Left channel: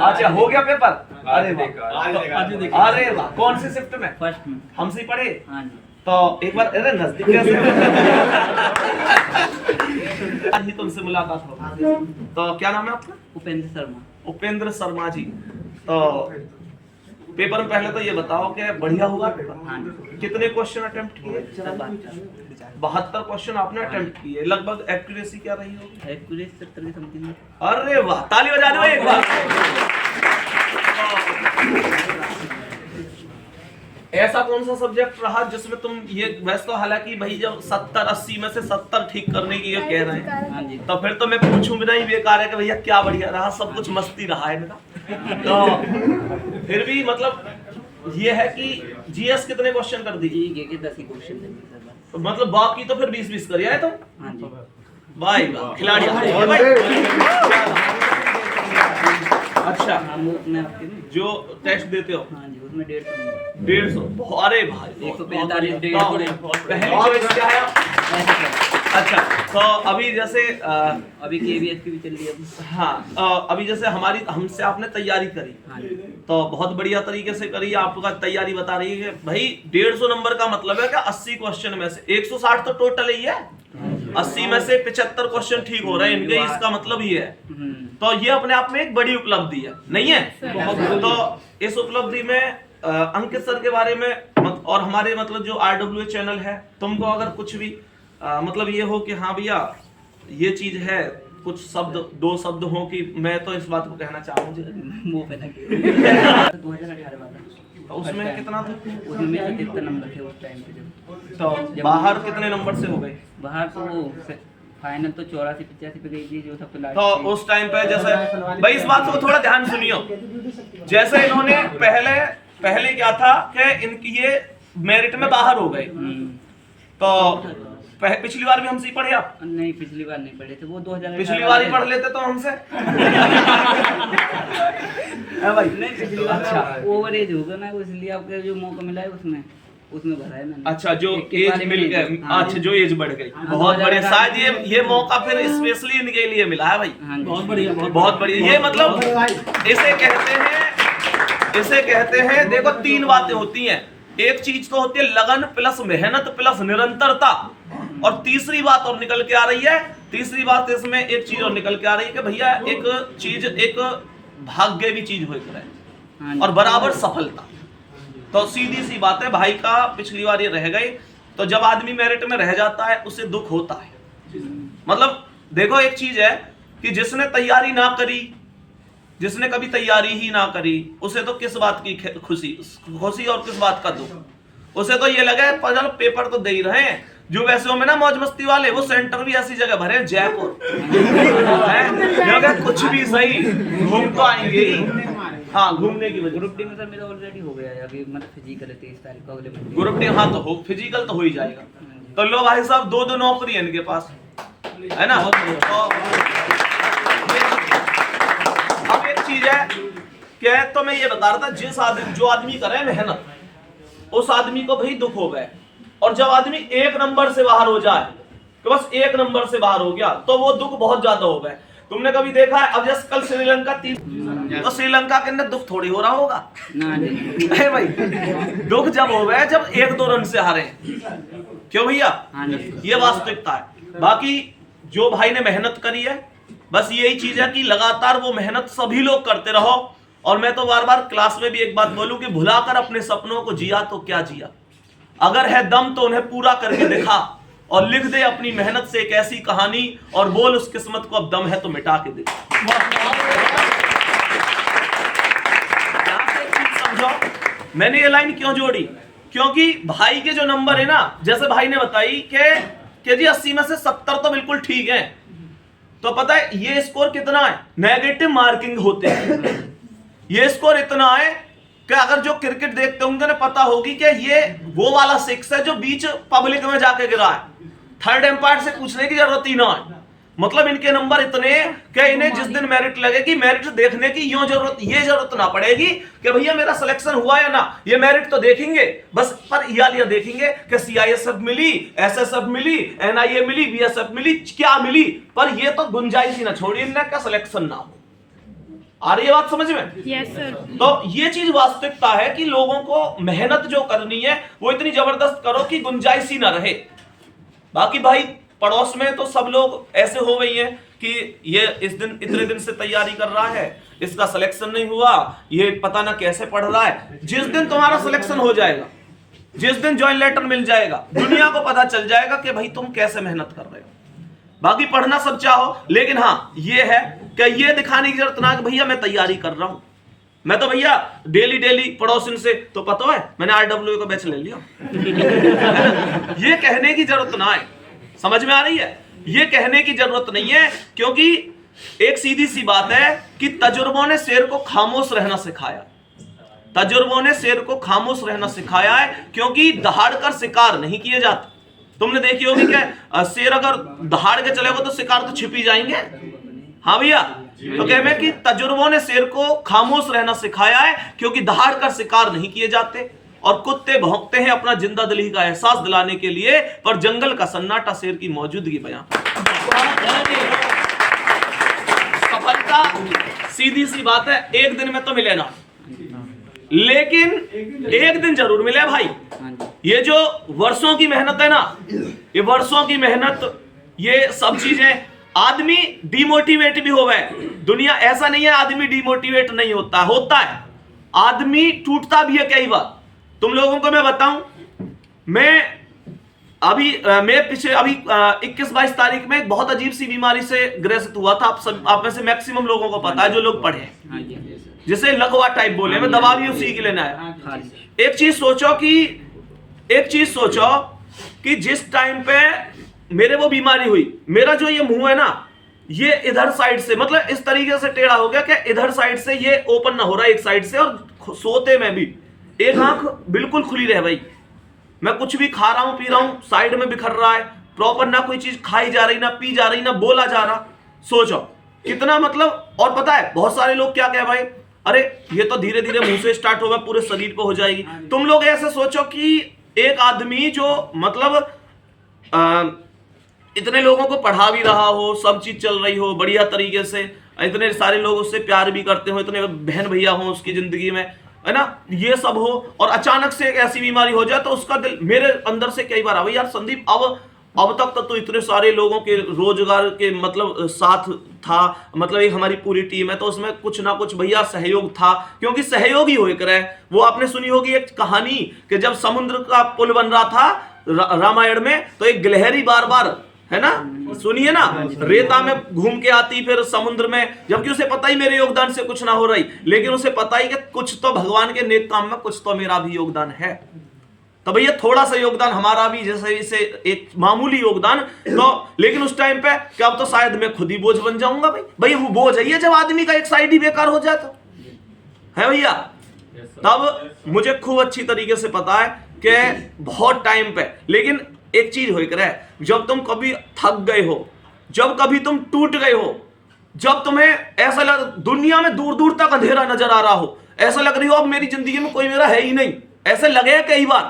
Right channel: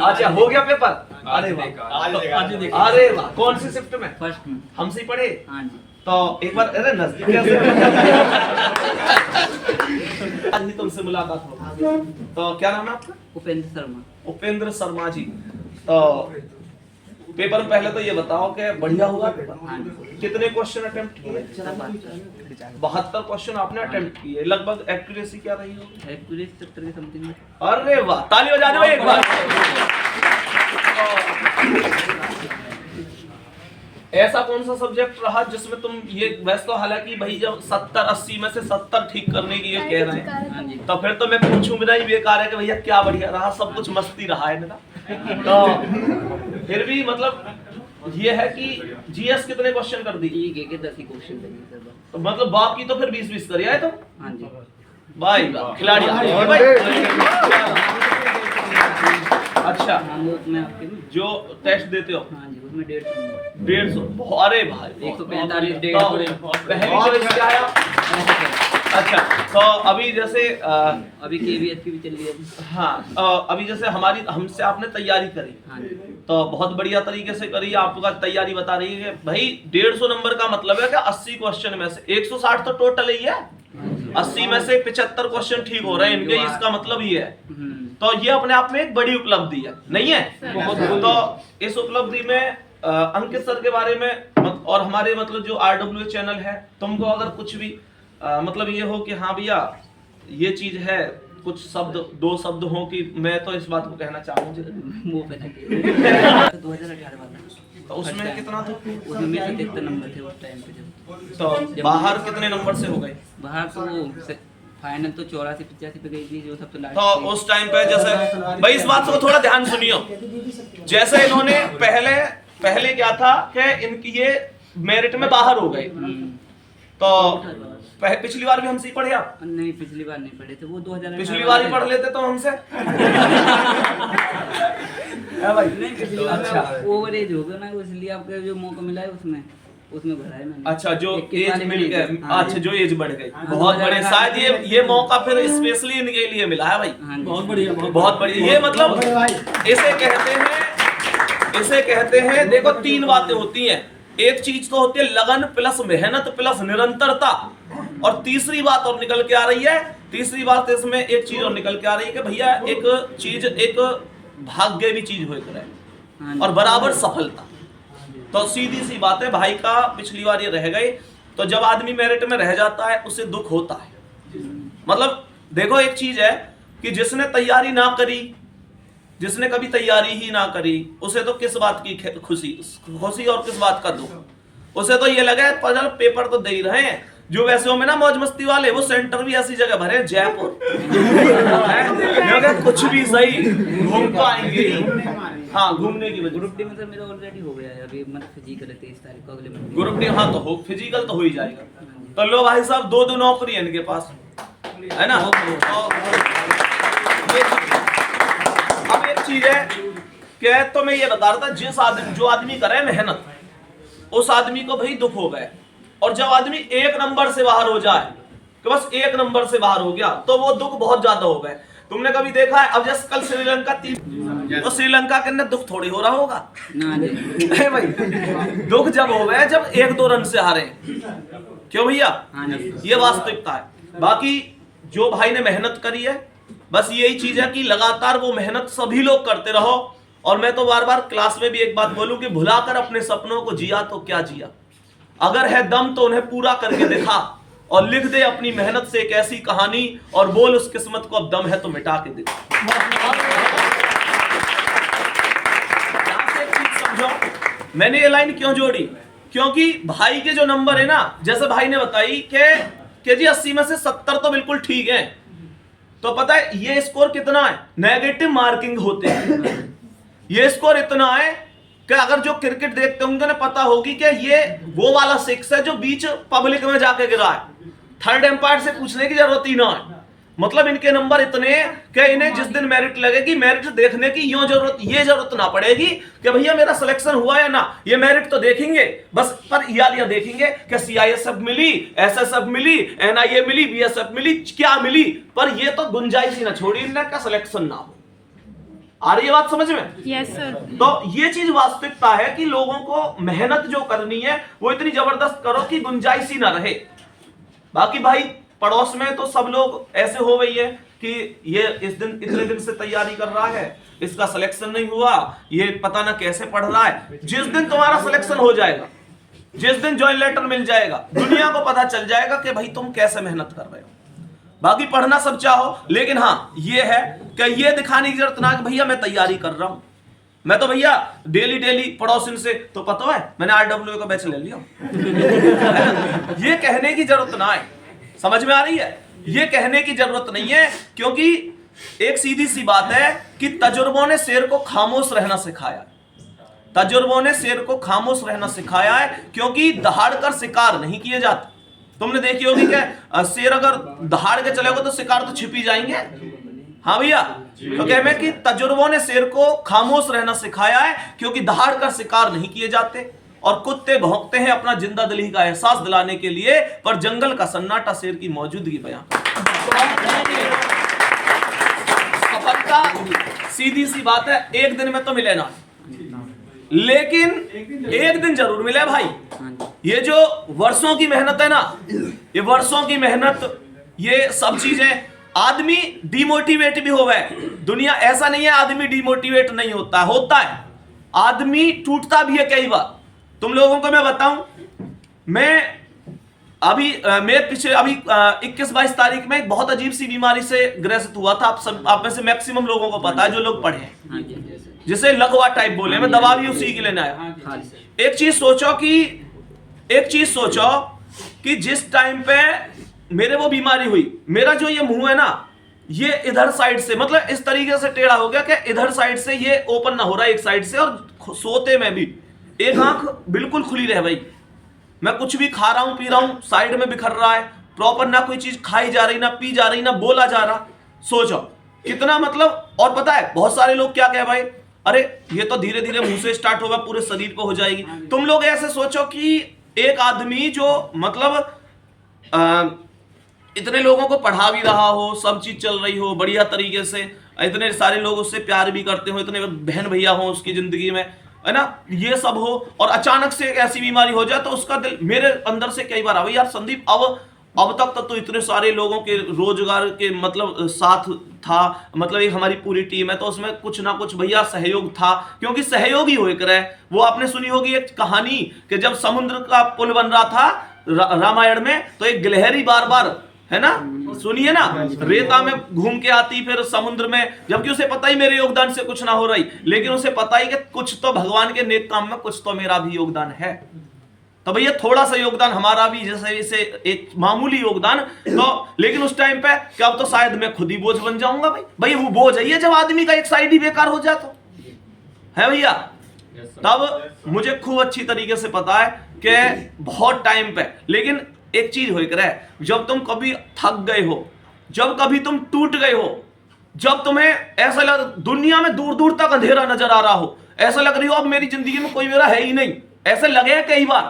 अच्छा हो गया पेपर? अरे वाह, अरे वाह, कौन सी शिफ्ट में? फर्स्ट में। हमसे ही पढ़े? हाँ जी। तो एक बार अरे नजदीक कैसे आज ही तुमसे मुलाकात हो। तो क्या नाम है आपका? उपेंद्र शर्मा। उपेंद्र शर्मा जी। तो पेपर में पहले तो ये बताओ कि बढ़िया हुआ पेपर? हाँ जी। कितने क्वेश्चन अटेम्प्ट किए? 72 क्वेश्चन आपने अटेम्प्ट किए। लगभग एक्यूरेसी क्या रही होगी? एक्यूरेसी 70 के समथिंग में। अरे वाह, ताली बजा दो एक बार। ऐसा कौन सा सब्जेक्ट रहा जिसमें तुम ये, वैसे तो हालांकि भाई जब 70-80 में से 70 ठीक करने की ये कह रहे हैं, हाँ जी। तो फिर तो मैं पूछूं भी नहीं, बेकार है कि भैया क्या बढ़िया रहा, सब कुछ मस्ती रहा है इनका। तो फिर भी मतलब ये है कि जीएस कितने क्वेश्चन कर दी? ठीक है, 10 ही क्वेश्चन देंगे सर बस। तो मतलब बाकी तो फिर 20-20 कर आए तुम? हाँ जी। भाई खिलाड़ी आ गए भाई। अच्छा, हाँ वो मैं आपके में। जो टेस्ट देते हो? हाँ जी, उसमें 150 नंबर। 150? अरे भाई 145 पहली चॉइस क्या है? अच्छा, तो अभी जैसे अभी केवीएस की भी चल रही है। हाँ, अभी जैसे हमसे आपने तैयारी करी, हाँ जी। तो बहुत बढ़िया तरीके से करी। आपका तैयारी बता रही है भाई 150 नंबर का मतलब है कि 80 क्वेश्चन में से 160 तो टोटल ही है, 80 में से 75 क्वेश्चन ठीक हो रहे हैं इनके, इसका मतलब ये है। तो ये अपने आप में एक बड़ी उपलब्धि है, नहीं है? तो इस उपलब्धि में अंकित सर के बारे में और हमारे मतलब जो RWA चैनल है, तुमको अगर कुछ भी मतलब ये हो कि हाँ भैया ये चीज है, कुछ शब्द, 2 शब्द हो कि मैं तो इस बात को कहना चाहूंगा 2018 वाला। तो उसमें कितना था? उसमें मेरे 77 नंबर थे उस टाइम पे। जब तो बाहर कितने नंबर से हो गए? बाहर तो फाइनल तो 84-85 पे गई थी, जो सब तो लास्ट। तो उस टाइम पे जैसे भाई इस बात को थोड़ा ध्यान सुनियो, जैसे इन्होंने पहले क्या था कि इनकी ये मेरिट में बाहर हो गए, तो पिछली बार भी हमसे ही पढ़े आप? नहीं, पिछली बार नहीं पढ़े थे, वो 2018। पिछली बार ही पढ़ लेते तो हमसे। भाई नहीं, पिछली बार ओवर एज हो गया ना, इसलिए आपको जो मौका मिला है उसमें भरा है मैंने। अच्छा, जो एज मिल गए। हाँ, अच्छा, जो एज बढ़ गई, बहुत बढ़िया। शायद ये मौका फिर स्पेशली इनके लिए मिला है भाई। बहुत बढ़िया, बहुत बढ़िया। ये मतलब इसे कहते हैं देखो 3 बातें होती हैं। एक चीज तो होती है लगन प्लस मेहनत प्लस निरंतरता, और तीसरी बात और निकल के आ रही है, तीसरी बात इसमें एक चीज और निकल के आ रही है कि भैया एक चीज, एक भाग्य भी चीज हो रहा है और बराबर सफलता। तो सीधी सी बात है, भाई का पिछली बार ये रह गए, तो जब आदमी मेरिट में रह जाता है उसे दुख होता है। मतलब देखो एक चीज है कि जिसने तैयारी ना करी, जिसने कभी तैयारी ही ना करी, उसे तो किस बात की खुशी और किस बात का दुख। उसे तो ये लगे चल पेपर तो दे ही रहे हैं। जो वैसे हो में ना मौज मस्ती वाले, वो सेंटर भी ऐसी जगह भरे जयपुर है, कुछ भी सही घूम तो आएंगे ही। हाँ, घूमने की वजह। ग्रुप डी में सर मेरा ऑलरेडी हो गया है, अभी मतलब फिजिकल है 23 तारीख को, अगले महीने। ग्रुप डी हाँ तो हो, फिजिकल तो हो ही जाएगा। तो लो भाई साहब, 2 नौकरी है इनके पास, है ना? अब एक चीज है कि तो मैं ये बता रहा था, जो आदमी करे मेहनत, उस आदमी को भाई दुख हो गए, और जब आदमी 1 नंबर से बाहर हो जाए, तो बस 1 नंबर से बाहर हो गया, तो वो दुख बहुत ज्यादा हो गए। तुमने कभी देखा है, अब जैसे कल श्रीलंका तो श्रीलंका के अंदर दुख थोड़ी हो रहा होगा ना भाई। दुख जब हो गए जब 1-2 रन से हारे, क्यों भैया? ये वास्तविकता है। बाकी जो भाई ने मेहनत करी है, बस यही चीज है कि लगातार वो मेहनत सभी लोग करते रहो। और मैं तो बार बार क्लास में भी एक बात बोलूं कि भुलाकर अपने सपनों को जिया तो क्या जिया, अगर है दम तो उन्हें पूरा करके दिखा, और लिख दे अपनी मेहनत से एक ऐसी कहानी, और बोल उस किस्मत को अब दम है तो मिटा के दिखा। समझो मैंने ये लाइन क्यों जोड़ी, क्योंकि भाई के जो नंबर है ना, जैसे भाई ने बताई कि जी 80 में से 70 तो बिल्कुल ठीक है, तो पता है ये स्कोर कितना है? नेगेटिव मार्किंग होते हैं। ये स्कोर इतना है कि अगर जो क्रिकेट देखते होंगे ना, पता होगी कि ये वो वाला 6 है जो बीच पब्लिक में जाके गिरा है, थर्ड एम्पायर से पूछने की जरूरत ही ना है। मतलब इनके नंबर इतने कि इन्हें जिस दिन मेरिट लगेगी, मेरिट देखने की ये जरूरत ना पड़ेगी कि भैया मेरा सिलेक्शन हुआ या ना, ये मेरिट तो देखेंगे बस, पर ये देखेंगे कि CISF मिली, SSF मिली, NIA मिली, BSF मिली, क्या मिली, पर ये तो गुंजाइश ही ना छोड़ी इनने का सिलेक्शन ना हो। आ रही है बात समझ में? Yes sir. तो ये चीज वास्तविकता है कि लोगों को मेहनत जो करनी है वो इतनी जबरदस्त करो कि गुंजाइश ही ना रहे। बाकी भाई पड़ोस में तो सब लोग ऐसे हो गई है कि ये इस दिन इतने दिन से तैयारी कर रहा है, इसका सिलेक्शन नहीं हुआ, ये पता ना कैसे पढ़ रहा है। जिस दिन तुम्हारा सिलेक्शन हो जाएगा, जिस दिन ज्वाइन लेटर मिल जाएगा, दुनिया को पता चल जाएगा कि भाई तुम कैसे मेहनत कर रहे हो। बाकी पढ़ना सब चाहो, लेकिन हाँ ये है कि ये दिखाने की जरूरत ना कि भैया मैं तैयारी कर रहा हूं, मैं तो भैया डेली डेली पड़ोसिन से तो पता है मैंने RWA का बैच ले लिया है ना, ये कहने की जरूरत ना है। समझ में आ रही है? ये कहने की जरूरत नहीं है, क्योंकि एक सीधी सी बात है कि तजुर्बों ने शेर को खामोश रहना सिखाया। तजुर्बों ने शेर को खामोश रहना सिखाया है, क्योंकि दहाड़ कर शिकार नहीं किए जाते। तुमने देखी होगी क्या, शेर अगर दहाड़ के चलेगा तो शिकार तो छिपी जाएंगे। हाँ भैया, तो कहते हैं कि तजुर्बों ने शेर को खामोश रहना सिखाया है, क्योंकि दहाड़ कर शिकार नहीं किए जाते। और कुत्ते भौंकते हैं अपना जिंदा दिली का एहसास दिलाने के लिए, पर जंगल का सन्नाटा शेर की मौजूदगी बयां करता है। सफलता सीधी सी बात है, एक दिन में तो मिले ना, लेकिन एक दिन जरूर मिले भाई। ये जो वर्षों की मेहनत है ना, ये वर्षों की मेहनत, ये सब चीजें, आदमी डिमोटिवेट भी हो गए। दुनिया ऐसा नहीं है आदमी डिमोटिवेट नहीं होता, होता है, आदमी टूटता भी है कई बार। तुम लोगों को मैं बताऊं, मैं पिछले 21-22 तारीख में एक बहुत अजीब सी बीमारी से ग्रसित हुआ था। आप में से मैक्सिमम लोगों को पता है जो लोग पढ़े हैं, जिसे लकवा टाइप बोले, मैं दवा भी उसी के लेने आया। एक चीज सोचो कि जिस टाइम पे मेरे वो बीमारी हुई, मेरा जो ये मुंह है ना, ये इधर साइड से मतलब इस तरीके से टेढ़ा हो गया कि इधर साइड से ये ओपन ना हो रहा है एक साइड से, और सोते में भी एक आंख बिल्कुल खुली रह गई। मैं कुछ भी खा रहा हूं पी रहा हूं, साइड में बिखर रहा है, प्रॉपर ना कोई चीज खाई जा रही, ना पी जा रही, ना बोला जा रहा। सोचो कितना मतलब। और पता है बहुत सारे लोग क्या कहे, भाई अरे ये तो धीरे धीरे मुंह से स्टार्ट होगा, पूरे शरीर पे हो जाएगी। तुम लोग ऐसे सोचो कि एक आदमी जो मतलब इतने लोगों को पढ़ा भी रहा हो, सब चीज चल रही हो बढ़िया तरीके से, इतने सारे लोग उससे प्यार भी करते हो, इतने बहन भैया हो उसकी जिंदगी में, है ना, ये सब हो, और अचानक से एक ऐसी बीमारी हो जाए तो उसका दिल मेरे अंदर से कई बार यार संदीप, अब तक तो इतने सारे लोगों के रोजगार के मतलब साथ था, मतलब एक हमारी पूरी टीम है, तो उसमें कुछ ना कुछ भैया सहयोग था, क्योंकि सहयोगी हो एक रहे। वो आपने सुनी होगी एक कहानी कि जब समुद्र का पुल बन रहा था रामायण में, तो एक गिलहरी बार बार, है ना, सुनिए ना, रेता में घूम के आती फिर समुद्र में, जबकि उसे पता ही मेरे योगदान से कुछ ना हो रही, लेकिन उसे पता ही कि कुछ तो भगवान के नेक काम में कुछ तो मेरा भी योगदान है। तो भैया थोड़ा सा योगदान हमारा भी, जैसे इसे एक मामूली योगदान, तो लेकिन उस टाइम पे क्या, अब तो शायद मैं खुद ही बोझ बन जाऊंगा। भाई वो बोझ है जब आदमी का एक साइड ही बेकार हो जाए, तो है भैया। तब मुझे खूब अच्छी तरीके से पता है कि बहुत टाइम पे, लेकिन एक चीज हो रहा है, जब तुम कभी थक गए हो, जब कभी तुम टूट गए हो, जब तुम्हें ऐसा लग दुनिया में दूर दूर तक अंधेरा नजर आ रहा हो, ऐसा लग रही हो अब मेरी जिंदगी में कोई मेरा है ही नहीं, ऐसे लगे कई बार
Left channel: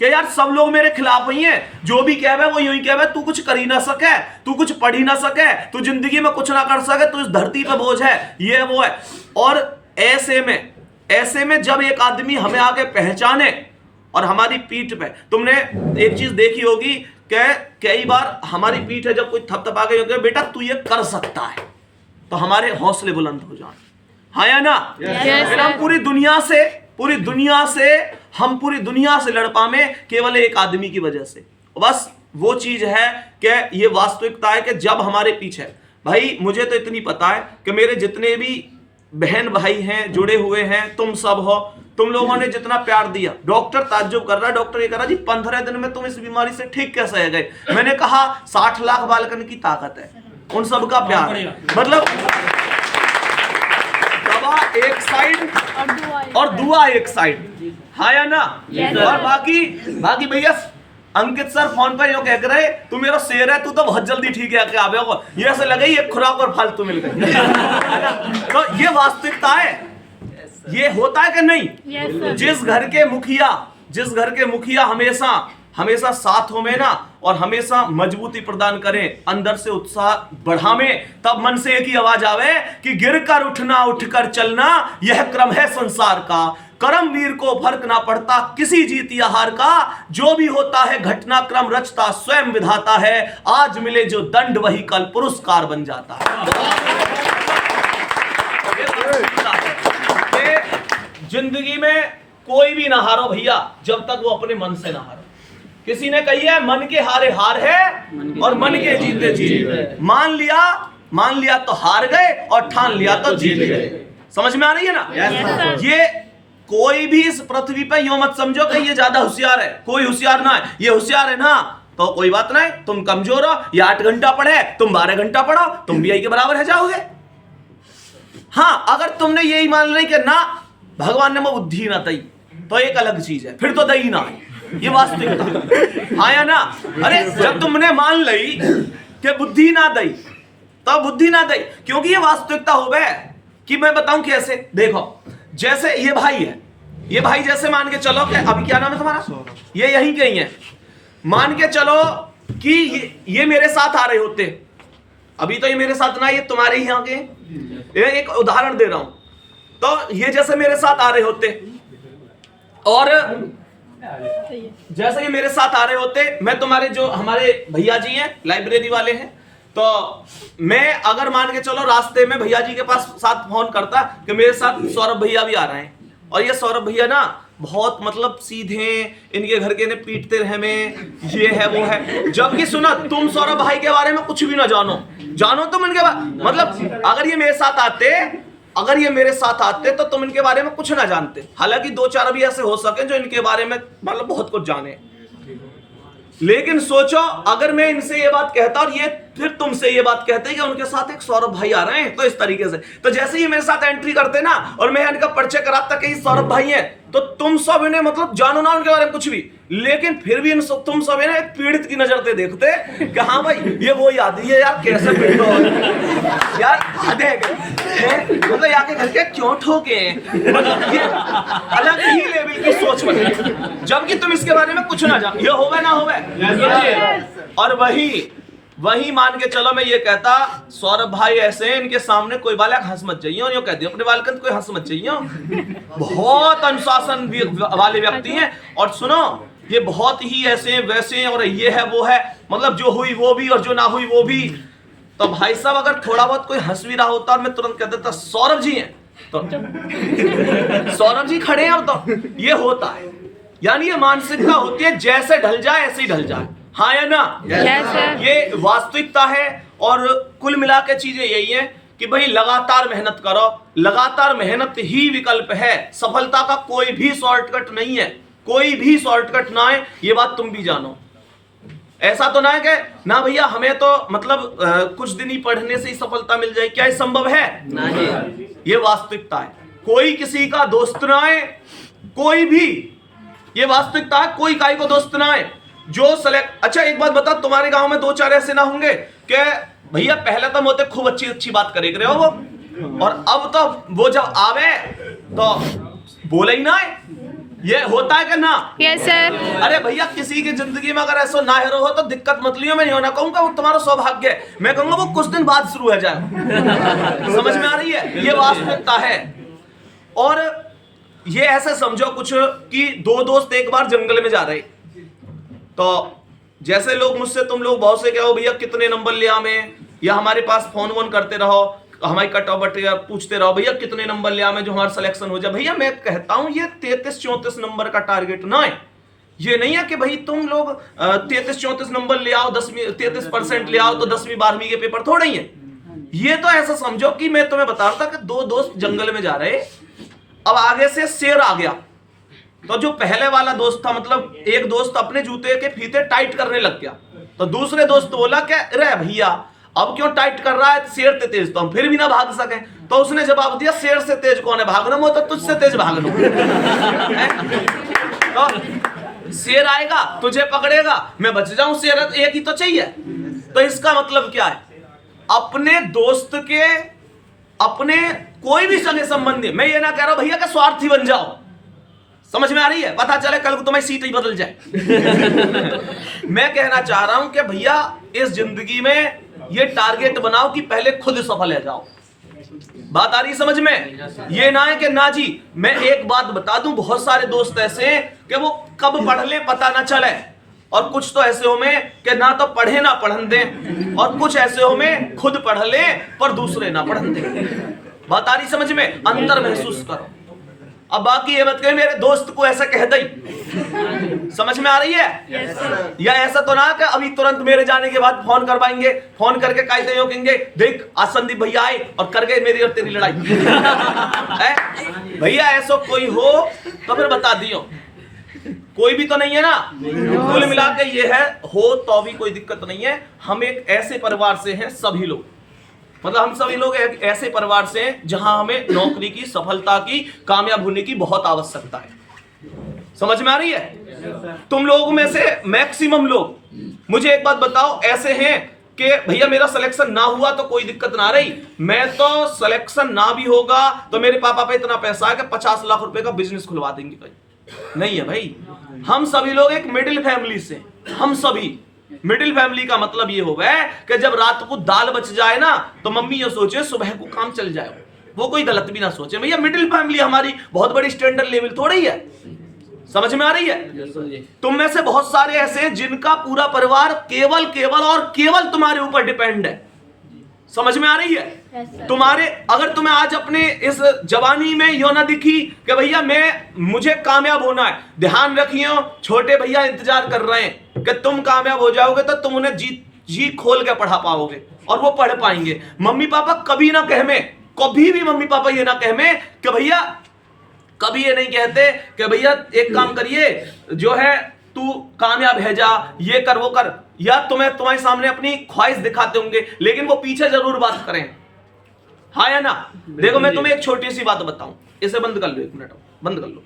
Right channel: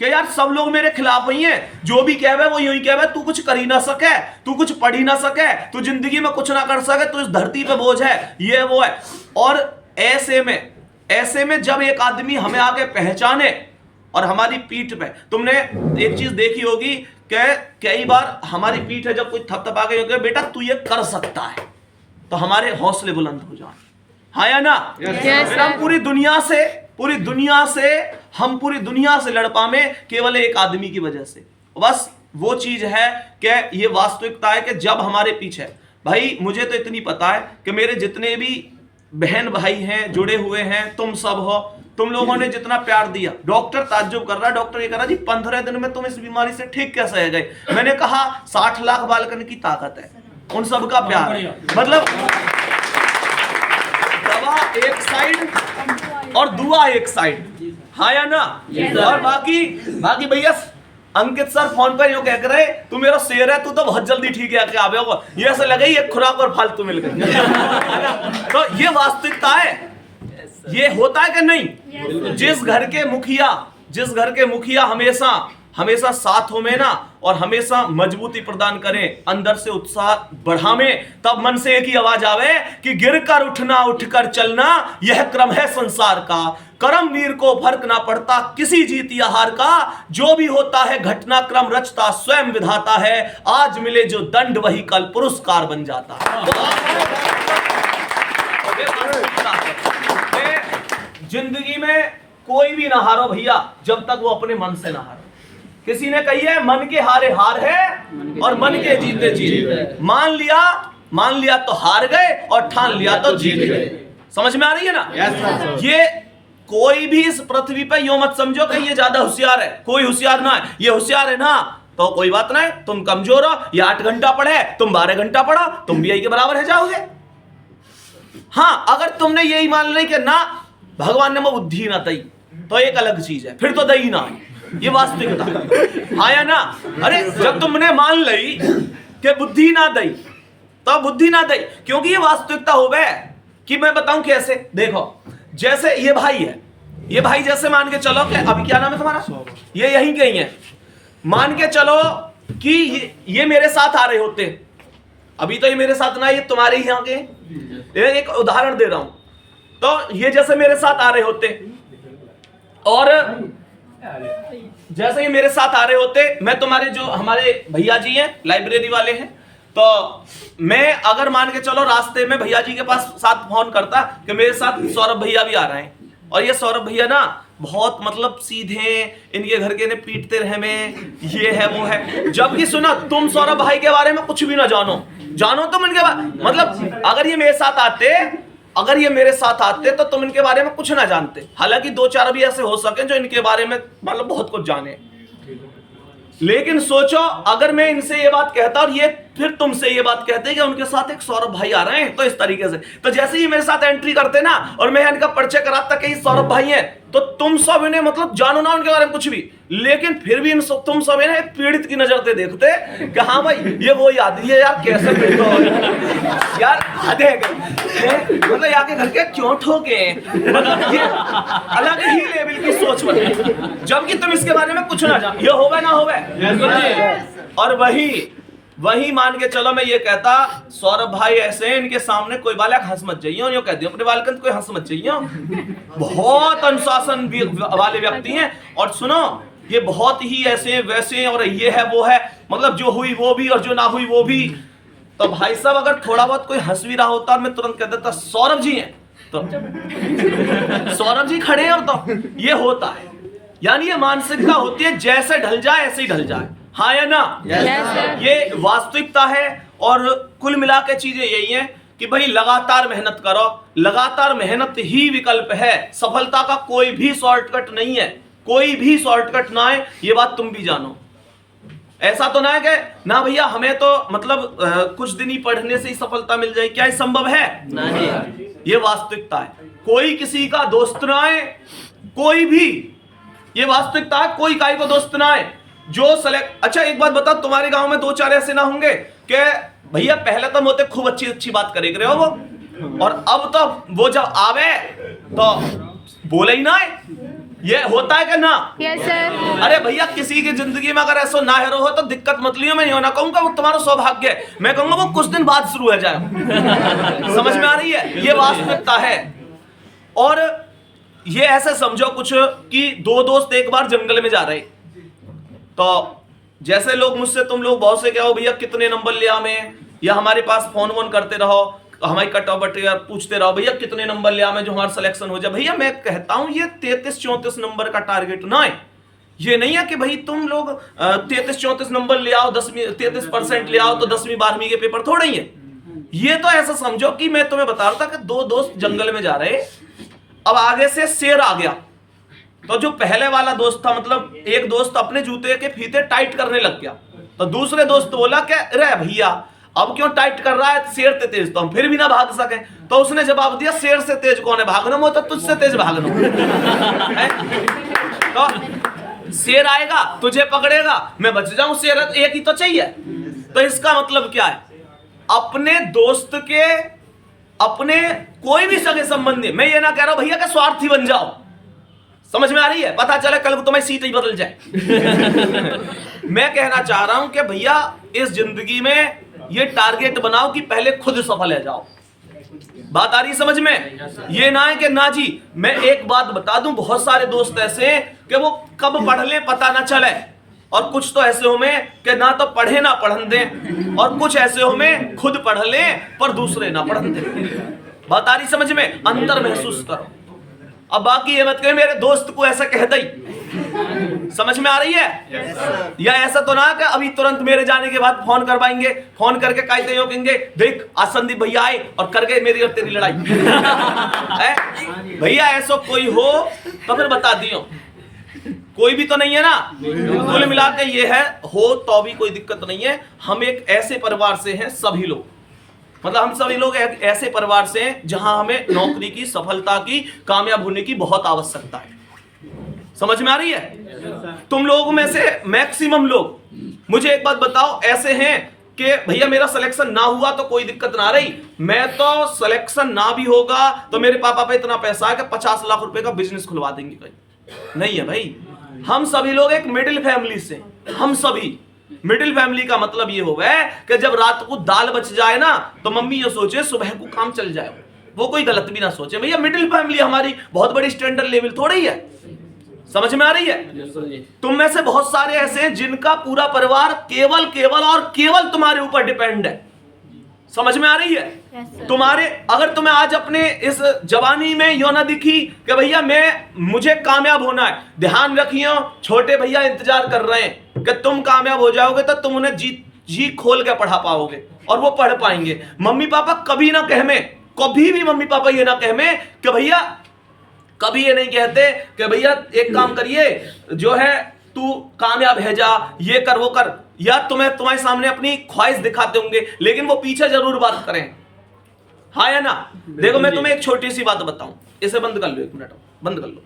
कि यार सब लोग मेरे खिलाफ ही हैं, जो भी कहवे वो यूं ही कहवे, तू कुछ कर ही ना सके, तू कुछ पढ़ ही ना सके, तू जिंदगी में कुछ ना कर सके, तू इस धरती पे बोझ है, ये वो है। और ऐसे में जब एक आदमी हमें आके पहचाने और हमारी पीठ पे, तुमने एक चीज देखी होगी कि कई बार हमारी पीठ है जब कोई थपथपा के होगा, बेटा तू ये कर सकता है, तो हमारे हौसले बुलंद हो जाए, हाँ या ना? फिर हम पूरी दुनिया से लड़ पावे केवल एक आदमी की वजह से। बस वो चीज है कि ये वास्तविकता है कि जब हमारे पीछे, भाई मुझे तो इतनी पता है कि मेरे जितने भी बहन भाई हैं जुड़े हुए हैं, तुम सब हो, तुम लोगों ने जितना प्यार दिया, डॉक्टर ताज्जुब कर रहा, डॉक्टर ये कह रहा जी 15 दिन में तुम इस बीमारी से ठीक कैसे गए। मैंने कहा 60 लाख बालकन की ताकत है, उन सबका प्यार, मतलब दवा एक साइड और दुआ एक साइड, हाँ या ना? और बाकी भैया अंकित सर फोन पर यूं कह रहे, तू मेरा शेर है, तू तो बहुत जल्दी ठीक है आवे होगा, ये ऐसे लगे ये खुराक और फालतू मिल गई, है ना? तो ये वास्तविकता है, ये होता है कि नहीं? जिस घर के मुखिया हमेशा साथ हो में ना, और हमेशा मजबूती प्रदान करें, अंदर से उत्साह बढ़ावें। तब मन से एक ही आवाज आवे कि गिरकर उठना, उठकर चलना, यह क्रम है संसार का। कर्मवीर को फर्क ना पड़ता किसी जीत या हार का, जो भी होता है घटनाक्रम रचता स्वयं विधाता है। आज मिले जो दंड वही कल पुरस्कार बन जाता है। जिंदगी में कोई भी ना हारो भैया, जब तक वो अपने मन से ना हारो। किसी ने कही है मन के हारे हार है और मन के जीते जीत। मान लिया तो हार गए और ठान लिया तो जीत गए। समझ में आ रही है ना? ये कोई भी इस पृथ्वी पे यूं मत समझो कि ये ज्यादा होशियार है, कोई होशियार ना है। ये होशियार है ना तो कोई बात नहीं, तुम कमजोर हो, ये 8 घंटा पढ़े, तुम 12 घंटा पढ़ो, तुम भी यही के बराबर है जाओगे। हाँ, अगर तुमने यही मान ली कि ना भगवान ने वो बुद्धि ना दई, तो एक अलग चीज है, फिर तो दई ना है, ये वास्तविकता। हाँ या ना? अरे जब तुमने मान ली कि बुद्धि ना दई, तो बुद्धि ना दई, क्योंकि ये वास्तविकता हो गए। कि मैं बताऊं कैसे, देखो जैसे ये भाई है, ये भाई जैसे मान के चलो कि अभी क्या नाम है तुम्हारा, ये यहीं के ही है, मान के चलो कि ये मेरे साथ आ रहे होते, अभी तो ये मेरे साथ ना, ये तुम्हारे ही यहाँ के, ये एक उदाहरण दे रहा हूं। तो ये जैसे मेरे साथ आ रहे होते और जैसे ये मेरे साथ आ रहे होते, मैं तुम्हारे जो हमारे भैया जी हैं लाइब्रेरी वाले हैं, तो मैं अगर मान के चलो रास्ते में भैया जी के पास साथ फोन करता कि मेरे साथ सौरभ भैया भी आ रहे हैं, और ये सौरभ भैया ना बहुत मतलब सीधे, इनके घर के ने पीटते रहे में, ये है वो है। जबकि सुना तुम सौरभ भाई के बारे में कुछ भी ना जानो तुम इनके बारे, मतलब अगर ये मेरे साथ आते तो तुम इनके बारे में कुछ ना जानते। हालांकि 2-4 अभी ऐसे हो सके जो इनके बारे में मतलब बहुत कुछ जाने, लेकिन सोचो अगर मैं इनसे ये बात कहता और ये फिर तुमसे ये बात कहते कि उनके साथ एक सौरभ भाई आ रहे हैं, तो इस तरीके से, तो जैसे ही मेरे साथ एंट्री करते ना और मैं इनका परिचय कराता कि ये सौरभ भाई हैं, तो तुम सब इन्हें मतलब जानो ना उनके बारे में कुछ भी, लेकिन फिर भी तुम सब इन्हें एक पीड़ित की नजर से देखते कि हाँ भाई ये वो याद है यार, कैसे यार मतलब आके घर के क्यों ठोके, अलग ही लेवल की सोच बनी, जबकि तुम इसके बारे में कुछ ना जानो। ये होवे ना होवे। और वही मान के चलो मैं ये कहता सौरभ भाई ऐसे हैं, इनके सामने कोई बालक हंस मत जाइए, और यो कहती अपने बालकन कोई हंस मत जाइए, बहुत अनुशासन वाले व्यक्ति हैं, और सुनो ये बहुत ही ऐसे हैं वैसे हैं, और ये है वो है, मतलब जो हुई वो भी और जो ना हुई वो भी। तो भाई साहब अगर थोड़ा बहुत कोई हंस भी रहा होता और मैं तुरंत कह देता सौरभ जी हैं, तो सौरभ जी खड़े हैं, तो ये होता है। यानी ये मानसिकता होती है, जैसे ढल जाए ऐसे ही ढल जाए। हाँ या ना? ये वास्तविकता है। और कुल मिला के चीजें यही है कि भाई लगातार मेहनत करो, लगातार मेहनत ही विकल्प है, सफलता का कोई भी शॉर्टकट नहीं है, कोई भी शॉर्टकट ना है, ये बात तुम भी जानो। ऐसा तो ना है कि ना भैया हमें तो मतलब कुछ दिन ही पढ़ने से ही सफलता मिल जाए, क्या ये संभव है? नहीं, ये वास्तविकता है। कोई किसी का दोस्त ना है, कोई भी, ये वास्तविकता है, कोई काई को दोस्त ना है जो सेलेक्ट। अच्छा एक बात बता, तुम्हारे गांव में 2-4 ऐसे ना होंगे कि भैया पहले तो मोते खूब अच्छी बात करे रहे हो वो, और अब तो वो जब आवे तो बोले ही ना है, ये होता है कि ना? Yes sir. अरे भैया किसी की जिंदगी में अगर ऐसा ना हेरो हो तो दिक्कत मत लियो, मैं ना कहूंगा वो तुम्हारा सौभाग्य है, मैं कहूंगा वो कुछ दिन बाद शुरू हो जाए। समझ में आ रही है? ये वास्तविकता है। और ये ऐसे समझो कुछ कि 2 दोस्त एक बार जंगल में जा रहे, तो जैसे लोग मुझसे तुम लोग बहुत से क्या हो भैया कितने नंबर लिया में, या हमारे पास फोन वोन करते रहो, हमारी कटौबट पूछते रहो भैया कितने नंबर लिया में जो हमारा सिलेक्शन हो जाए। भैया मैं कहता हूं ये 33-34 नंबर का टारगेट ना है। ये नहीं है कि भाई तुम लोग 33-34 नंबर ले आओ, 33% ले आओ तो 10वीं 12वीं के पेपर थोड़े ही है। ये तो ऐसा समझो कि मैं तुम्हें बता रहा था कि 2 दोस्त जंगल में जा रहे, अब आगे से शेर आ गया, तो जो पहले वाला दोस्त था, मतलब एक दोस्त अपने जूते के फीते टाइट करने लग गया, तो दूसरे दोस्त बोला क्या अरे भैया अब क्यों टाइट कर रहा है, शेर से तेज तो हम फिर भी ना भाग सके। तो उसने जवाब दिया शेर से तेज कौन है, भागना हो तो तुझसे तेज भागना। तो शेर आएगा तुझे पकड़ेगा, मैं बच जाऊं, शेर एक ही तो चाहिए। तो इसका मतलब क्या है, अपने दोस्त के, अपने कोई भी सगे संबंधी, मैं ये ना कह रहा हूं भैया का स्वार्थी बन जाओ, समझ में आ रही है? पता चले कल को तुम्हारी सीट ही बदल जाए। मैं कहना चाह रहा हूं कि भैया इस जिंदगी में ये टारगेट बनाओ कि पहले खुद सफल है जाओ। बात आ रही समझ में? ये ना है कि ना जी, मैं एक बात बता दूं, बहुत सारे दोस्त ऐसे हैं कि वो कब पढ़ ले पता ना चले, और कुछ तो ऐसे हो में कि ना तो पढ़े ना पढ़न दें, और कुछ ऐसे हो में खुद पढ़ ले पर दूसरे ना पढ़न दें। बात आ रही समझ में? अंतर महसूस करो। अब बाकी ये मत कहे मेरे दोस्त को ऐसा कह दई। समझ में आ रही है? या ऐसा तो ना कि अभी तुरंत मेरे जाने के बाद फोन करवाएंगे, फोन करके कहते हो कहेंगे देख आज संदीप भैया आए और कर गए मेरी और तेरी लड़ाई। भैया ऐसा कोई हो तो फिर बता दियो, कोई भी तो नहीं है ना। कुल मिला के ये है, हो तो भी कोई दिक्कत नहीं है। हम एक ऐसे परिवार से हैं सभी लोग, मतलब हम सभी लोग एक ऐसे परिवार से हैं जहां हमें नौकरी की, सफलता की, कामयाब होने की बहुत आवश्यकता है। समझ में आ रही है? तुम लोगों में से मैक्सिमम लोग, मुझे एक बात बताओ, ऐसे हैं कि भैया मेरा सिलेक्शन ना हुआ तो कोई दिक्कत ना रही, मैं तो सिलेक्शन ना भी होगा तो मेरे पापा पे इतना पैसा है कि 50 लाख रुपए का बिजनेस खुलवा देंगे। कहीं नहीं है भाई। हम सभी लोग एक मिडिल फैमिली से, हम सभी मिडिल फैमिली का मतलब ये हो गया कि जब रात को दाल बच जाए ना तो मम्मी ये सोचे सुबह को काम चल जाए, वो कोई गलत भी ना सोचे। भैया मिडिल फैमिली हमारी बहुत बड़ी स्टैंडर्ड लेवल थोड़ी है। समझ में आ रही है? तुम में से बहुत सारे ऐसे हैं जिनका पूरा परिवार केवल केवल और केवल तुम्हारे ऊपर डिपेंड है। समझ में आ रही है? तुम्हारे, अगर तुम्हें आज अपने इस जवानी में यो ना दिखी कि भैया मुझे कामयाब होना है, ध्यान रखियो छोटे भैया इंतजार कर रहे हैं कि तुम कामयाब हो जाओगे तो तुम उन्हें जी खोल के पढ़ा पाओगे और वो पढ़ पाएंगे। मम्मी पापा कभी ना कहमे, कभी भी मम्मी पापा ये ना कहमे कि भैया, कभी ये नहीं कहते कि भैया एक काम करिए जो है तू कामयाब है जा, ये कर वो कर, या तुम्हें तुम्हारे सामने अपनी ख्वाहिश दिखाते होंगे लेकिन वो पीछे जरूर बात करें। हाँ या ना? देखो मैं तुम्हें एक छोटी सी बात बताऊं, इसे बंद कर लो, 1 मिनट बंद कर लो।